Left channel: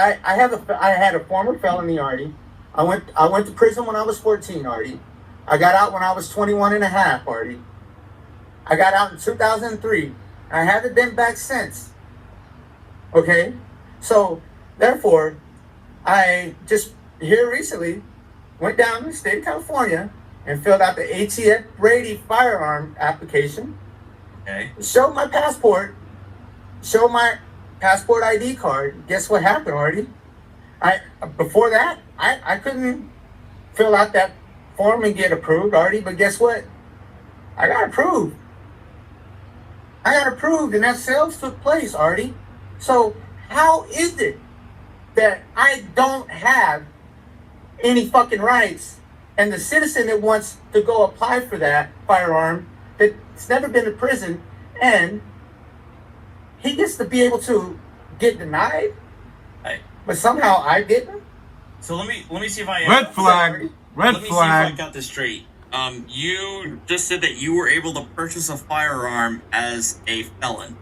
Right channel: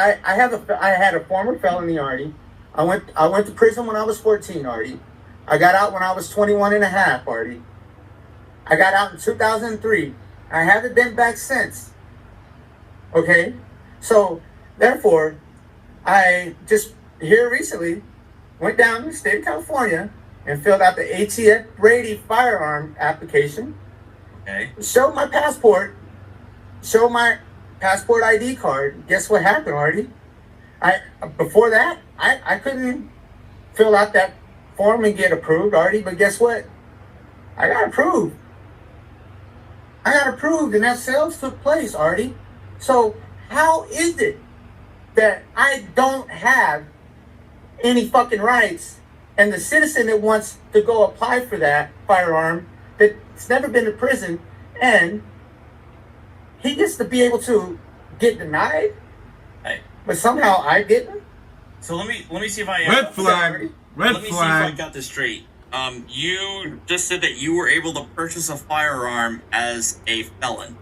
I had a former felony, Artie. I went to prison when I was 14, Artie. I got out when I was 21 and a half, Artie. I got out in 2003. I haven't been back since. Okay? So, therefore, I just here recently went down to the state of California and filled out the ATF Brady firearm application. Okay. Showed my passport. Showed my passport ID card. Guess what happened, Artie? Before that, I couldn't fill out that form and get approved, Artie. But guess what? I got approved. And that sales took place, Artie. So how is it that I don't have any fucking rights, and the citizen that wants to go apply for that firearm that's never been to prison, and he gets to be able to get denied, Hey. but somehow I didn't? So let me see if I Red flag. Red let me see if flag. I got this straight. You just said that you were able to purchase a firearm as a felon.